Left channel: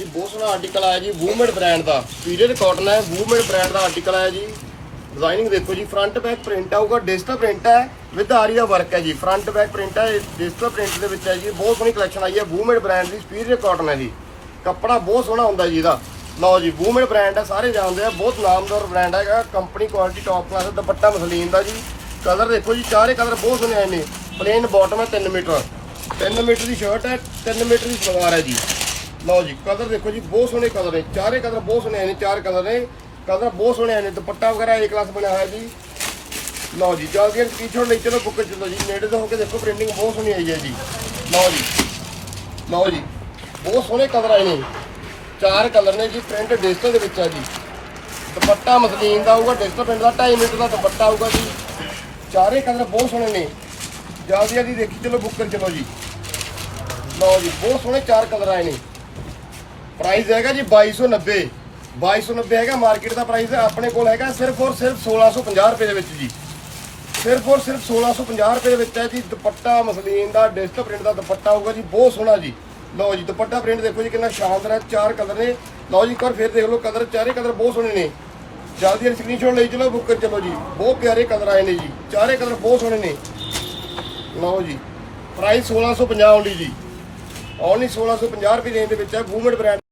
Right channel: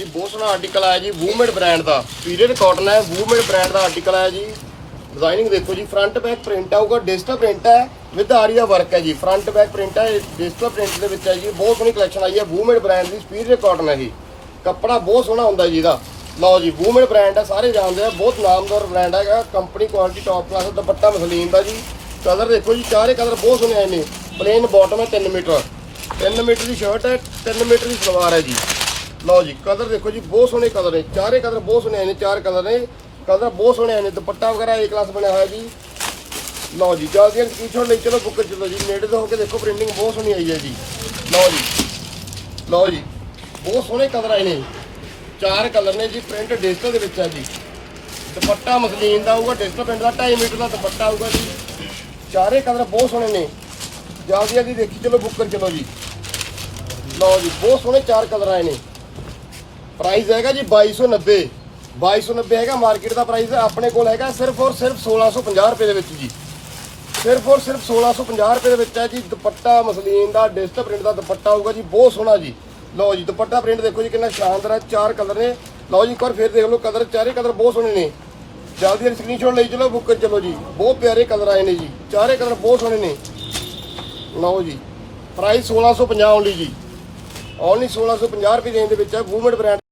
ਜੀ, ਬਹੁਤ ਸੋਹਣਾ ਆਰਟੀਕਲ ਆਇਆ ਜੀ ਵੂਮੇਡ ਬ੍ਰਾਂਡ ਦਾ। ਪੀਰੀਅਡ ਕਾਟਨ ਹੈ ਵੂਮੇਡ ਬ੍ਰਾਂਡ ਦਾ ਆਰਟੀਕਲ ਆਇਆ ਜੀ। ਡਿਜ਼ਾਈਨਿੰਗ ਦੇਖੋ ਜੀ ਫਰੰਟ ਬੈਕ ਪ੍ਰਿੰਟ ਆਊਗਾ ਡਿਜੀਟਲ ਪ੍ਰਿੰਟ ਹੈ ਵਿਦ ਆਰੀ ਦਾ ਵਰਕ ਹੈ ਜੀ। ਫਰੰਟ ਬੈਕ ਪ੍ਰਿੰਟ ਹੈ ਡਿਜੀਟਲ ਪ੍ਰਿੰਟ ਦੇ ਵਿੱਚ ਹੈ ਜੀ। ਬਹੁਤ ਸੋਹਣੀ ਕਲੈਕਸ਼ਨ ਆਈ ਹੈ ਵੂਮੇਡ ਬ੍ਰਾਂਡ ਦੀ ਪੀਰੀਅਡ ਕਾਟਨ ਹੈ ਜੀ। ਕੱਪੜਾ ਬਹੁਤ ਸੋਹਣਾ ਹੁੰਦਾ ਜੀ ਇਹਦਾ। ਲਓ ਜੀ ਵੂਮੇਡ ਬ੍ਰਾਂਡ ਹੈ, ਸਾਰੇ ਜਾਣਦੇ ਆ, ਬਹੁਤ ਨਾਮਦਾਰ ਬ੍ਰਾਂਡ ਹੈਗਾ ਕੰਪਨੀ ਕੁਆਲਿਟੀ ਟੌਪ ਕਲਾਸ ਦਾ ਦੁਪੱਟਾ ਮਸਲੀਨ ਦਾ ਜੀ। ਕਲਰ ਦੇਖੋ ਜੀ, ਚਾਰੇ ਕਲਰ ਬਹੁਤ ਸੋਹਣੇ ਆਏ ਨੇ। ਪਲੇਨ ਬਾਟਮ ਹੈ 3 ਮੀਟਰ। 3 ਮੀਟਰ ਦੀ ਸ਼ਰਟ ਹੈ 3 ਮੀਟਰ ਦੀ ਸਲਵਾਰ ਹੈ ਜੀ। ਲਓ ਜੀ, ਕਲਰ ਦੇਖੋ ਜੀ, ਬਹੁਤ ਸੋਹਣੇ ਕਲਰ ਨੇ। ਚਾਰੇ ਕਲਰ ਬਹੁਤ ਸੋਹਣੇ ਆਏ ਨੇ, ਚਾਰ ਕਲਰ ਨੇ। ਕਲਰ ਬਹੁਤ ਸੋਹਣੇ ਆਏ ਨੇ, ਦੁਪੱਟਾ ਵਗੈਰਾ ਏ ਕਲਾਸ ਬਣਿਆ ਹੋਇਆ ਜੀ। ਲਓ ਜੀ ਜਲਦੀ ਕੀ ਛੋੜ ਲਈ ਚਲੋ ਬੁੱਕ ਚਲੋ ਜੀ। ਨੇੜੇ ਤੋਂ ਹੋ ਕੇ ਦੇਖੋ ਪ੍ਰਿੰਟਿੰਗ ਬਹੁਤ ਸੋਹਣੀ ਆਈ ਹੈ ਜੀ। ਲਓ ਜੀ ਲਓ ਜੀ, ਬਹੁਤ ਸੋਹਣੇ ਕਲਰ ਆਏ ਨੇ। ਚਾਰ ਕਲਰ ਨੇ ਜੀ ਪ੍ਰਿੰਟ ਡਿਜੀਟਲ ਦੇ ਵਿੱਚ ਹੈ ਜੀ। ਦੁਪੱਟਾ ਮਸਲੀਨ ਦਾ ਆਊਗਾ ਡਿਜੀਟਲ ਪ੍ਰਿੰਟ ਦਾ 2.5 ਮੀਟਰ ਦਾ ਦੁਪੱਟਾ ਆਊਗਾ ਜੀ। ਚਾਰੇ ਕਲਰ ਬਹੁਤ ਸੋਹਣੇ ਨੇ। ਜਲਦੀ ਜਲਦੀ ਦੇਖੀ, ਚਲੋ ਬੁੱਕ ਕਰ ਚਲੋ ਜੀ। ਲਓ ਜੀ, ਬਹੁਤ ਸੋਹਣੇ ਚਾਰ ਕਲਰ ਆਏ ਨੇ। ਪ੍ਰਾਈਸ ਹੈਗਾ ਜੀ 2290 2290 ਹੈਗਾ ਮਾਰਕੀਟ ਦਾ ਪ੍ਰਾਈਸ ਆਪਣੇ ਕੋਲ ਹੈਗਾ ਸਿਰਫ ਔਰ ਸਿਰਫ 1650 ਰੁਪਏ ਦੇ ਵਿੱਚ ਜੀ। ਸਿਰਫ ਔਰ ਸਿਰਫ 1650 ਰੁਪਏ ਦੇ ਵਿੱਚ ਹੈ ਜੀ। ਦੁਪੱਟਾ, ਮਸਲੀਨ ਦਾ ਡਿਸਟ ਪ੍ਰਿੰਟ ਦਾ ਦੁਪੱਟਾ ਹੋਊਗਾ ਜੀ। ਬਹੁਤ ਸੋਹਣਾ ਜੀ। ਲਓ ਜੀ, ਦੁਪੱਟਾ ਪ੍ਰਿੰਟ ਦੇਖੋ ਜੀ, ਕਿੰਨਾ ਸ਼ਾਨਦਾਰ ਹੈ। ਚਾਰ ਕਲਰ ਨੇ। ਲਓ ਜੀ, ਇੱਕ ਵਾਰ ਫੇਰ ਦੇਖ ਲਓ ਕਲਰ ਚਾਰੇ ਕਲਰ ਬਹੁਤ ਸੋਹਣੇ ਨੇ। ਜਲਦੀ ਜਲਦੀ ਸਕਰੀਨਸ਼ਾਟ ਲਈ ਚਲੋ ਬੁੱਕ ਕਰ ਚਲੋ ਜੀ। ਬਹੁਤ ਪਿਆਰੇ ਕਲਰ ਆਏ ਨੇ ਜੀ। ਚਾਰੇ ਕਲਰ ਬਹੁਤ ਸੋਹਣੇ ਨੇ। ਲਓ ਜੀ ਪ੍ਰਾਈਸ 1650 ਓਨਲੀ ਜੀ। ਓਨਲੀ 1650 ਰੁਪਏ ਰੇਂਜ ਦੇ ਵਿੱਚ ਹੈ। Woman brand